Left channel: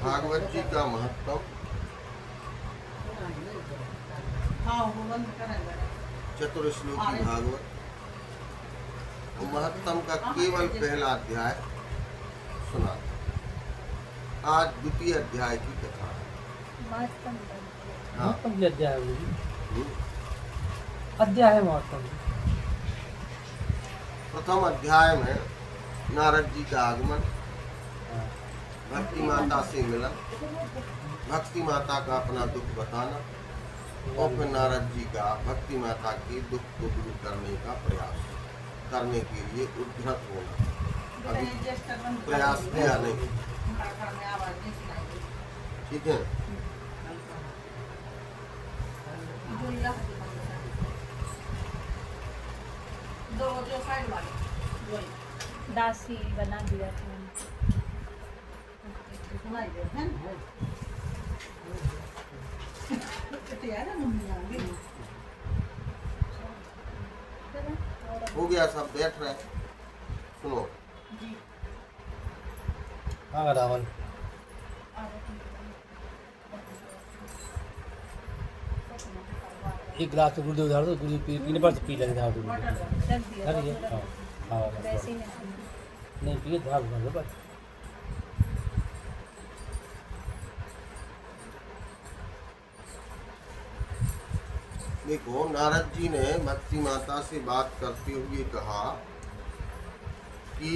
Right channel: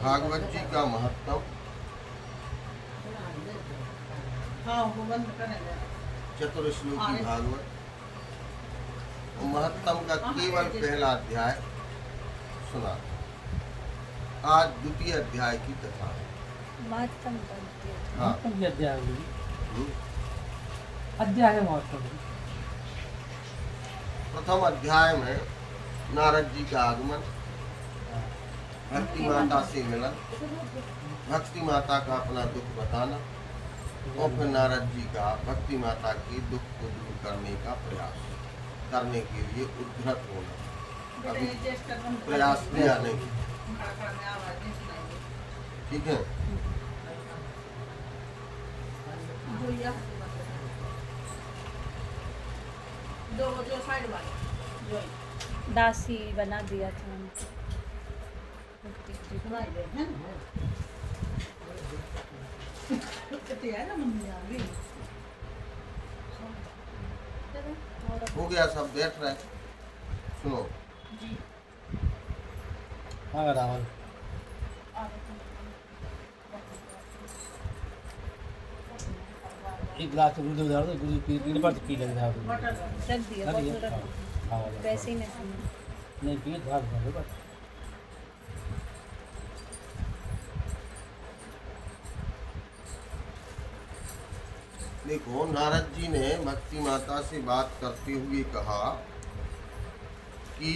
भागवत जी का महत्व। चतुर्श्लोकी भागवत महत्तम का केवल पहला अध्याय सुना। आज द्वितीय अध्याय की कथा है। हाँ, अध्याय महत्तम। प्रथम अध्याय में नारद जी का आगमन, भक्ति माता से मिलन, भक्ति माता का अपना दुख बताना और फिर नारद जी का भक्ति माता के दुख को दूर करने का प्रयास करने के लिए उद्धत होना। अभी प्रयास किया नहीं, ठीक है। दासी बना दिया था हो गया, सब बैठ रहे। सुनो, हाँ रावण एक गिलास तो दूध उधार दो, दूध पीने पर पी लग रहा है। रख दिया था पूरा, वैसे ही नहीं पिए धार दो बस। देखो, नारद जी ने भक्ति माता से बात करते हुए कहा कि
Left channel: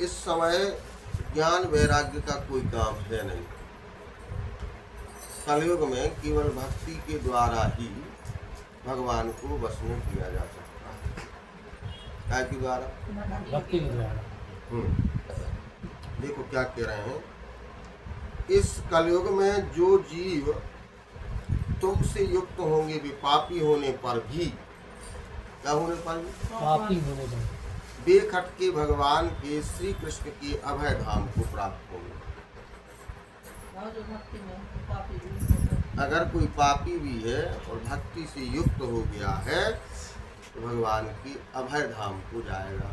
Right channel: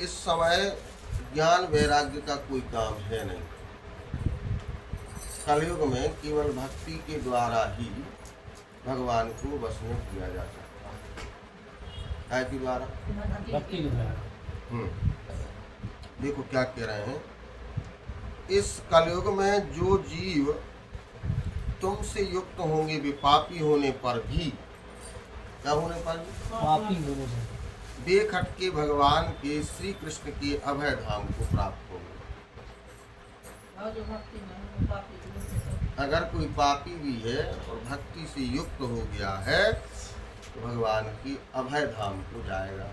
इस समय ज्ञान वैराग्य का कोई काम है नहीं। कलयुग में केवल भक्ति के द्वारा ही भगवान को वश में किया जा सकता है। क्या के द्वारा? भक्ति के द्वारा। देखो क्या कह रहे हैं, इस कलयुग में जो जीव तुमसे युक्त होंगे वे पापी होने पर भी, क्या होने पर भी? पापी होने पर बेखट के भगवान के श्री कृष्ण के अभय धाम को प्राप्त होंगे। अगर कोई पापी भी है और भक्ति से युक्त हो गया है तो भगवान की अभय धाम को जाएगा।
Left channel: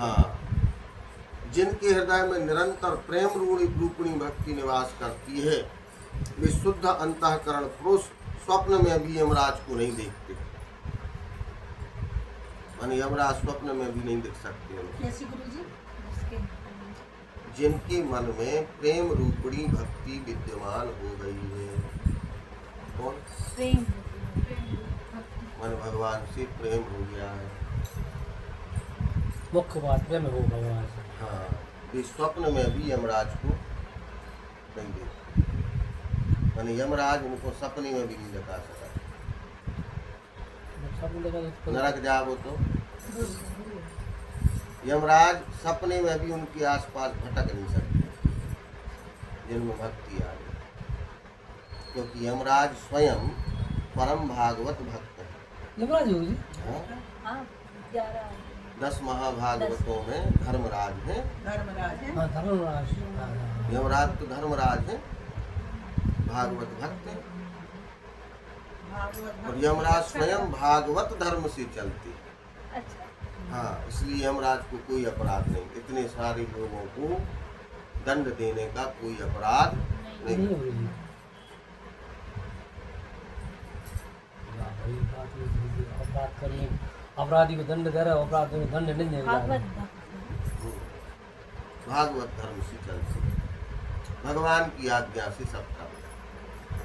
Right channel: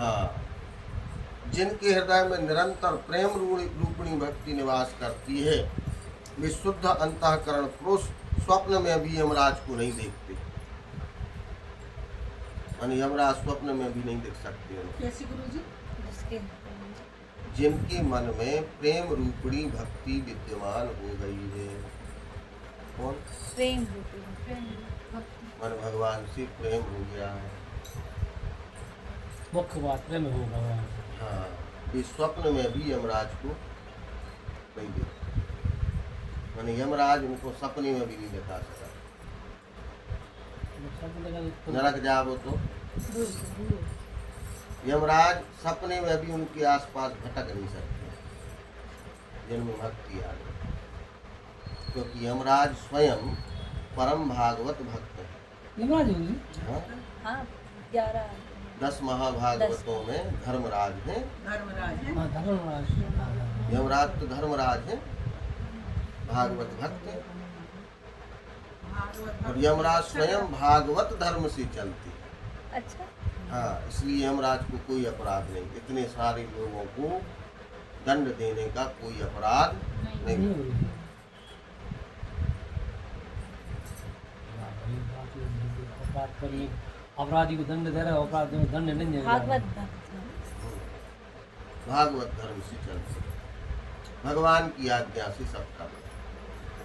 हाँ, जिनके हृदय में निरंतर प्रेम रूपिणी भक्ति निवास करती है वे शुद्ध अंतःकरण पुरुष स्वप्न में भी यमराज को नहीं देखते। यानी यमराज स्वप्न में भी नहीं देख सकते। जिनके मन में प्रेम रूपिणी भक्ति विद्यमान हो गई है। कौन? प्रेम मन भगवान से प्रेम हो गया है। मुख्य बात प्रेम हो भगवान। हाँ, वे स्वप्न में भी यमराज को नहीं देखते। यानी यमराज उनको सपने में भी नहीं दिखा सका। नरक जाओ तो यमराज सपने में भी उनके आसपास भटक नहीं सकते जिनमें भक्ति आ गई, क्योंकि यमराज स्वयं परम भागवत भक्त है। यमराज हाँ? 10 महाभागवतों में धर्मराज है। यमराज तो धर्मराज है, भागवत भक्त है। और यमराज स्वयं भागवत धर्म से चलते। अच्छा। हाँ, इसलिए यमराज को कोई अपराध नहीं। इतने सारे लोगों को दंड देने का कोई अपराध नहीं। अपराधी को दंड दे रहा है, अपराधी को दंड नहीं दे रहा। भागवत धर्म से चलते, भगवान की आज्ञा से सब करते।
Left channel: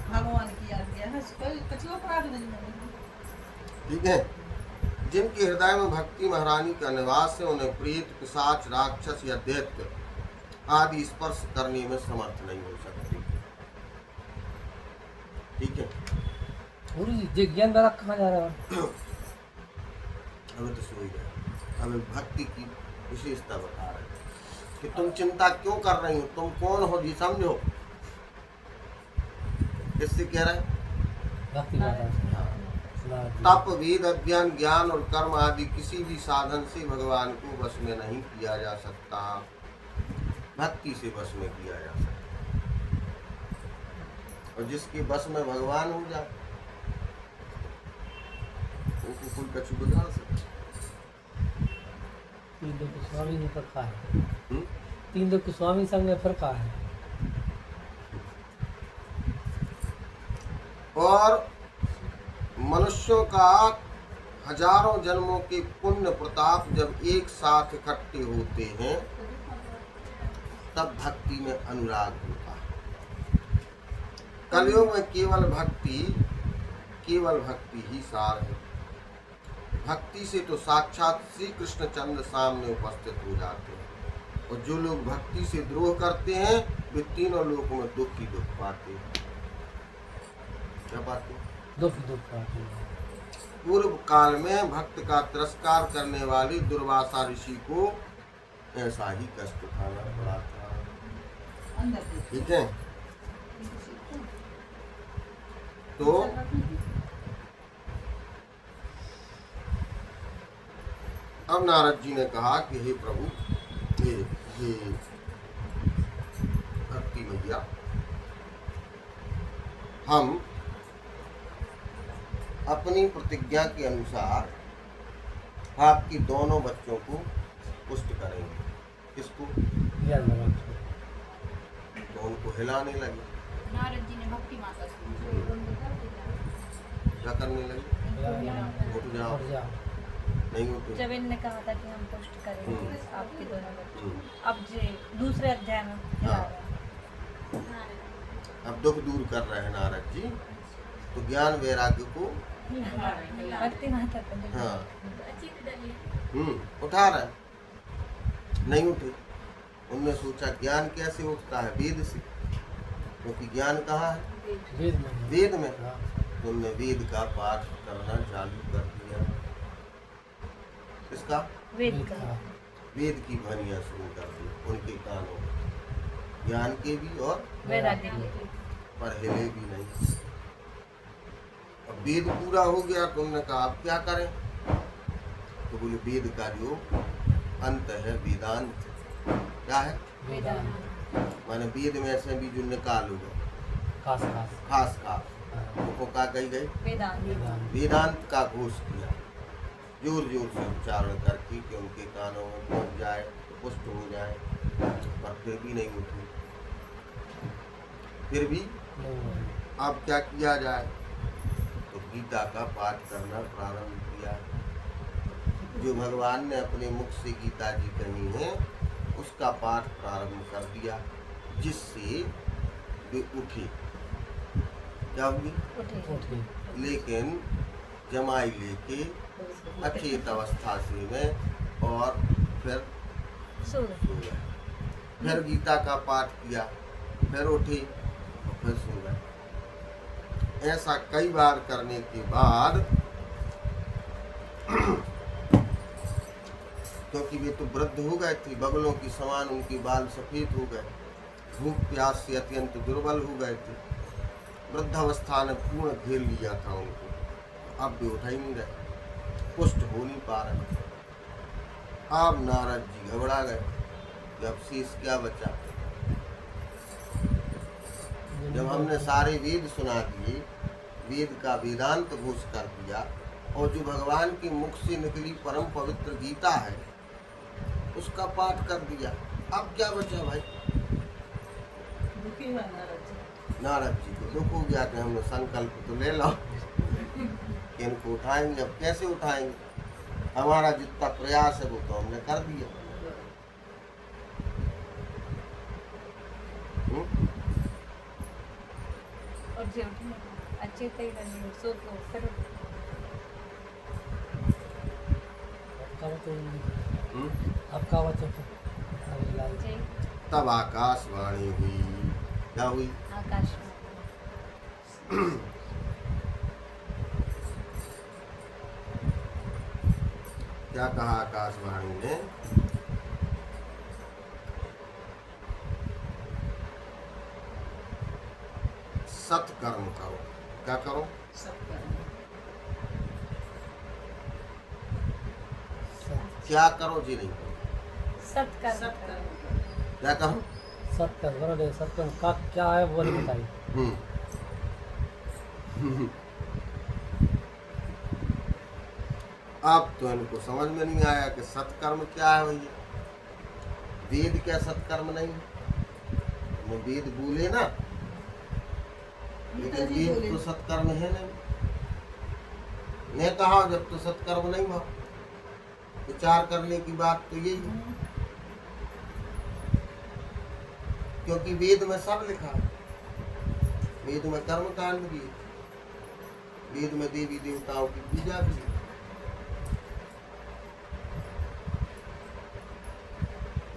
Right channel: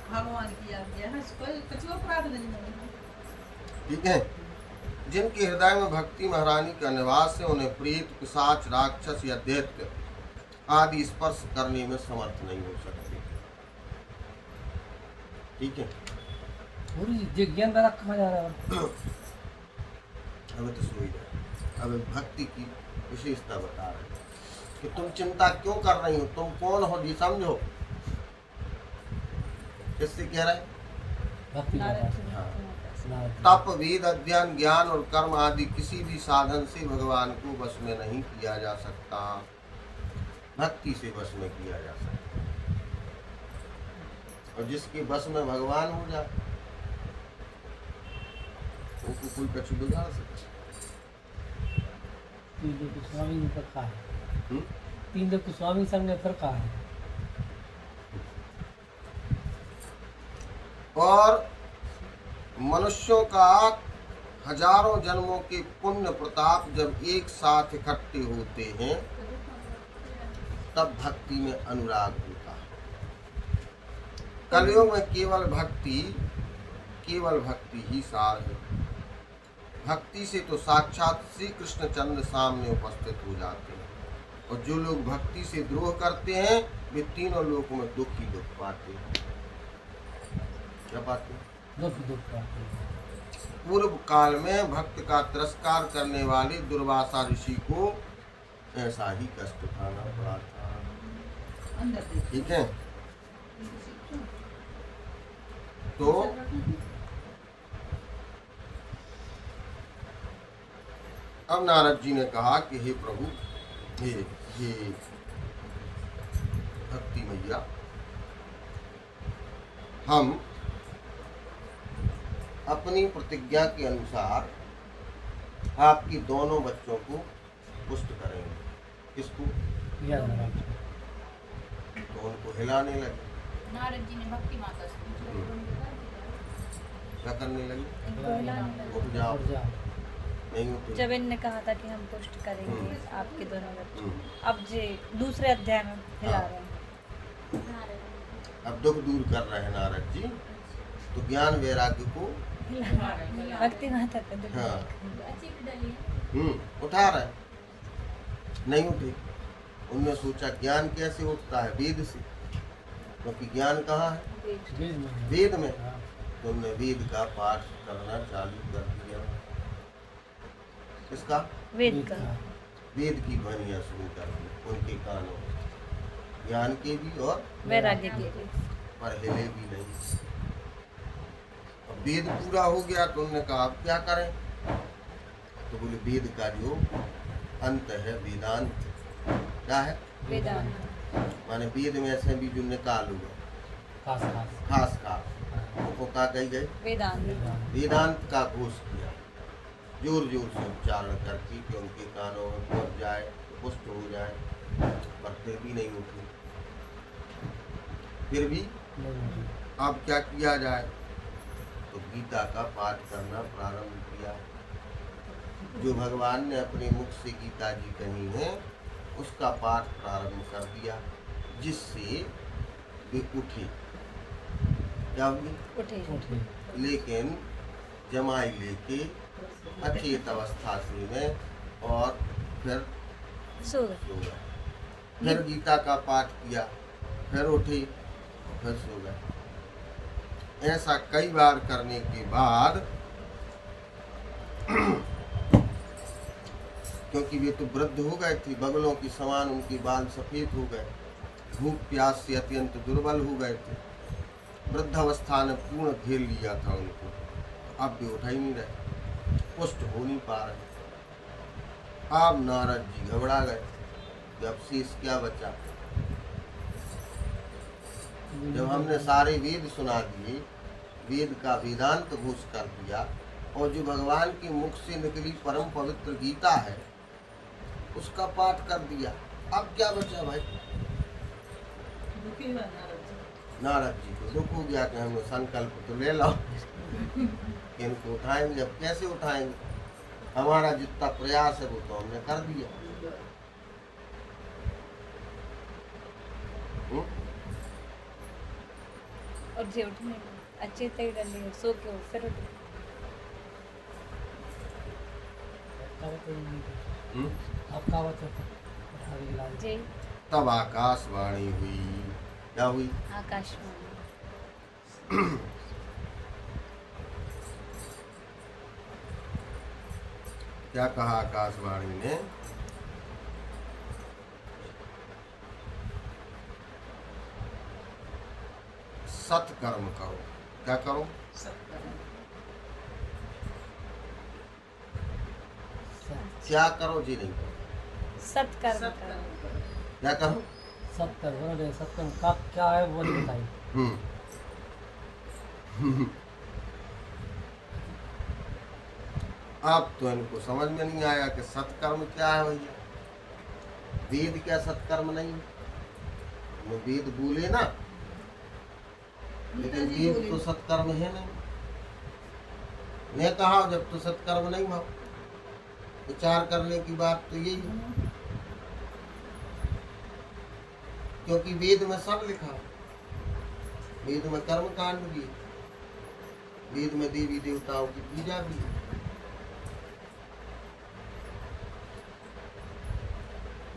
भगवान की आज्ञा है, कोई कुछ अपराध नहीं। ठीक है। जिनके हृदय में भक्ति महारानी का निवास है उन्हें प्रेत, पिशाच, राक्षस या दैत्य आदि स्पर्श करने में समर्थ नहीं हो सकते। ठीक है। ज्ञान द्वारा कहा जा रहा है। अब तो सुनिए, अब भक्ति की विशेषता बता रहे हैं कि तुम चिंता क्यों कर रही हो, तुम कौन हो ये समझो। इससे कह रहे हैं भक्ति तप, वेद अध्ययन, ज्ञान और कर्म आदि किसी भी साधन से भगवान को वश में नहीं किया जा सकता, भक्ति से वश में किया जा सकता। और जिसके वश में भगवान हो जाए उसको कोई कछु बिगाड़ सकता। तीन लोग के स्वामी संग में फर्क है। और मनुष्यों का हजारों जन्मों के पुण्य प्रताप जब एक साथ इकट्ठे होते हैं तब भक्ति में अनुराग होता है। कलयुग में केवल भक्ति ही सार है। भक्ति से तो साक्षात श्री कृष्ण चंद्र सामने उपस्थित हो जाते हैं, और जो लोग भक्ति से द्रोह करते हैं वे तीनों लोकों में दुख ही दुख पाते हैं। क्या पाते हैं? दुख पाते हैं। पूर्व काल में भक्त का तिरस्कार करने वाले दुर्वासा ऋषि को ऐसा ही कष्ट उठाना पड़ा था। अंदर देखिए। ठीक है, तो अब नारद जी ने कहा कि हे प्रभु, हे भक्ति मैया, हम अपनी प्रतिज्ञा के अनुसार आपकी दोनों बच्चों को पुष्ट करेंगे। किसको? याद लगा। तो उनको हिलाने लगे। नारद जी ने भक्ति माता से क्या करने लगे? उठ जाओ। और जा। नहीं उठे। जब इनने कहा था कि हम पुष्ट करेंगे आपके दोनों बच्चों, हम्म। अब जे दूसरे अध्याय में हिला हाँ। रहे हैं। अब दुख दूर कर रहे हैं नारद जी, तो ज्ञान वैराग्य को भक्ति माता को हाँ उठा रहे। नहीं उठे। उनने सोचा ज्ञान कैसे उठता है? वेद से, क्योंकि ज्ञान कहाँ है? वेद में। हाँ। तो उनने वेद का पाठ करना चालू कर दिया। इसका वेद का वेद की ध्वनियाँ शुरू कर दी उनके कानों में, ज्ञान के भी और वैराग्य के। पर हिले भी नहीं। अब वेद पूरा हो गया तो उन्होंने कहा अब क्या करें? तो बोले वेद का जो अंत है वेदांत। क्या है? वेदांत। माने वेद में से भी जो निकालोगे खास खास वो क्या कही गई? वेदांत। वेदांत का घोष किया जोर जोर से उच्चारण करके कि उनके कानों में पहुंच जाए, पुष्ट हो जाए, पर फिर भी नहीं उठी। फिर भी अब क्या किया जाए? तो गीता का पाठ करना प्रारंभ किया। जो भगवान ने अपने मुख से गीता जी कही है उसका पाठ प्रारंभ कर दिया, जिससे वे उठे। क्या हुई? उठे। लेकिन जमाई लेके अचेत अवस्था से में और फिर सो सो गए। फिर गीता का पाठ किया, फिर उठे और फिर सो गए। ऐसा कई बार करने के बाद क्योंकि वे तो वृद्ध हो गए थे, बगलों की समान उनके बाल सफेद हो गए, भूख प्यास से अत्यंत दुर्बल हो गए थे, वृद्धावस्था ने पूर्ण घेर लिया था उनको। अब भी उठा ही नहीं रहे, पुष्ट हो नहीं पा रहे। अब नारद जी घबरा गए कि अब शेष क्या बचा। जब हमने सारे वेद सुना दिए, वेद का वेदांत घोष कर दिया, और जो भगवान के मुख से निकली परम पवित्र गीता है उसका पाठ कर दिया, अब क्या बचा भाई? दुखी हुआ नारद जी। नारद जी को दुख हो गया कि हमने संकल्प तो ले लो कि इनको उठाएंगे। अब कैसे उठाएंगे? हमारा जितना प्रयास है वो तो हमने कर दिया। और जे उठने अच्छे तय कर लिए, सो के उठ, फिर उठ। आपका बच्चा जे तब आकाशवाणी हुई। क्या हुई? आकाशवाणी। क्या कहा आकाशवाणी ने? सत्कर्म करो। क्या करो? क्या करो जी? नहीं करो। सत्कर्म करो। क्या करो? सत्कर्म सत्कर्म का क्या है वो नहीं बताइए। अब तो इनको समझ में नहीं आया कि सत्कर्म क्या है भैया। वेद क्या सत्कर्म नहीं? वो वेद बोले ना, लेकिन वेद तो सत्कर्म है नहीं। मैं कहा जब तो सत्कर्म नहीं मां, विचार करने की बात तो यही है, क्योंकि वेद में सब लिखा है। वेद में कर्म कांड भी है, वेद में देवी देवताओं की पूजा भी है,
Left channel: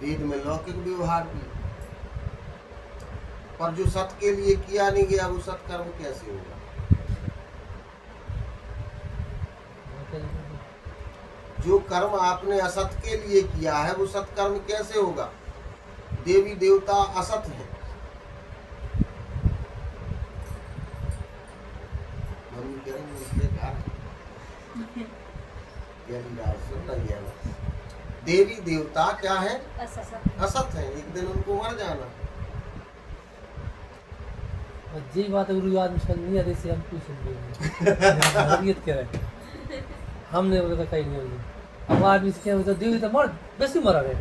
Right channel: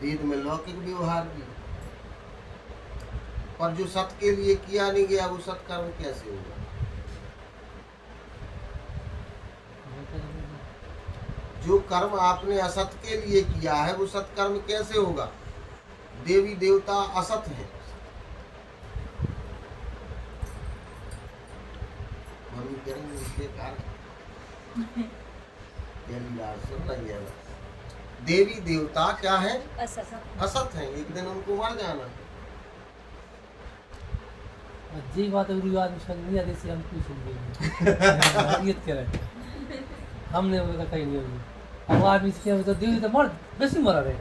वेद में लौकिक व्यवहार भी है। पर जो सत्य के लिए किया नहीं गया वो सत्कर्म कैसे होगा? जो कर्म आपने असत के लिए किया है वो सत्कर्म कैसे होगा? देवी देवता असत है। देवी देवता क्या है? असत है, एक दिन उनको मर जाना। जी बात है, गुरु आदमी समझ नहीं आती, हम क्यों सुन रहे हैं? कह रहे हमने बोला कहीं नहीं होगी। अब आदमी से क्या तो देवी तो मर बेसी मरा रहे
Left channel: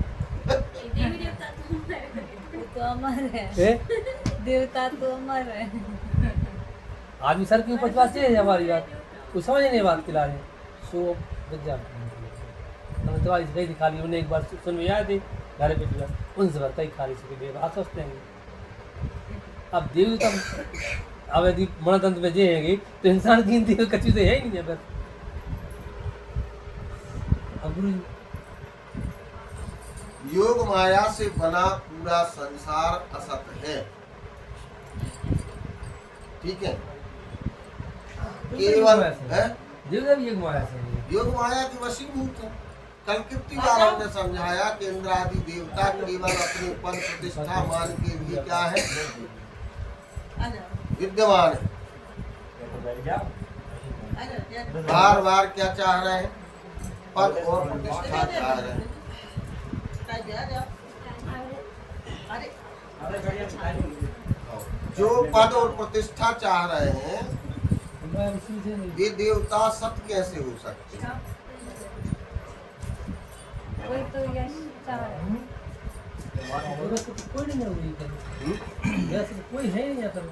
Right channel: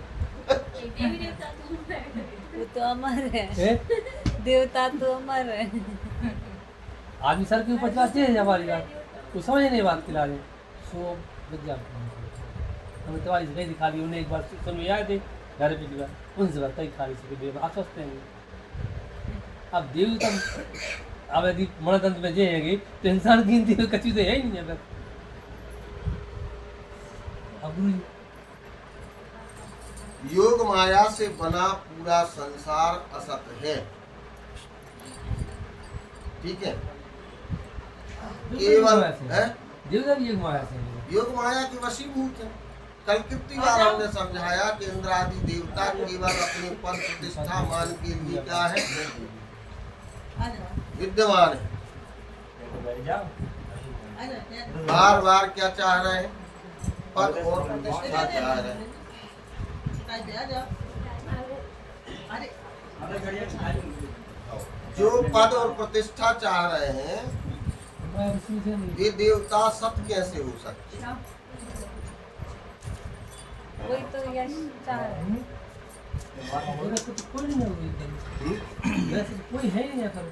देवी देवता वो तो अमर है, हैं? देवता तो अमर है। आदमी सर के ऊपर चलाते हैं हमारी बात, वो समझ नहीं बात के लाने सो बच जाते हम तो आज गई दिखा ली उन्हें एक बार सुन में आए थे घर पे दिया उनसे बताई खाली से देव बात सोचते हैं। अब देव तो अब यदि मनतंत्र में जाएंगे तो इंसान की गिनती कच्ची तो है ही नहीं। बस अब योग माया से बना पूरा संसार असत है, ठीक है? केवल है देवता भी एक माया से है। योग माया की वशीभूत है। कल कितनी बार हमने समझाया कि इंद्र आदि देवता केवल अपने पद प्रतिष्ठा मान के लिए क्या है? विद्यमान है। बार बार क्या चाह रहे हैं? पद और प्रतिष्ठा चाह रहे हैं। जो पद और प्रतिष्ठा चाह रहे हैं ये देवता सत्य कैसे हो सकते हैं? कोई तो यश चाह रहा है। कोई नहीं है, कोई है ही नहीं यहाँ पर।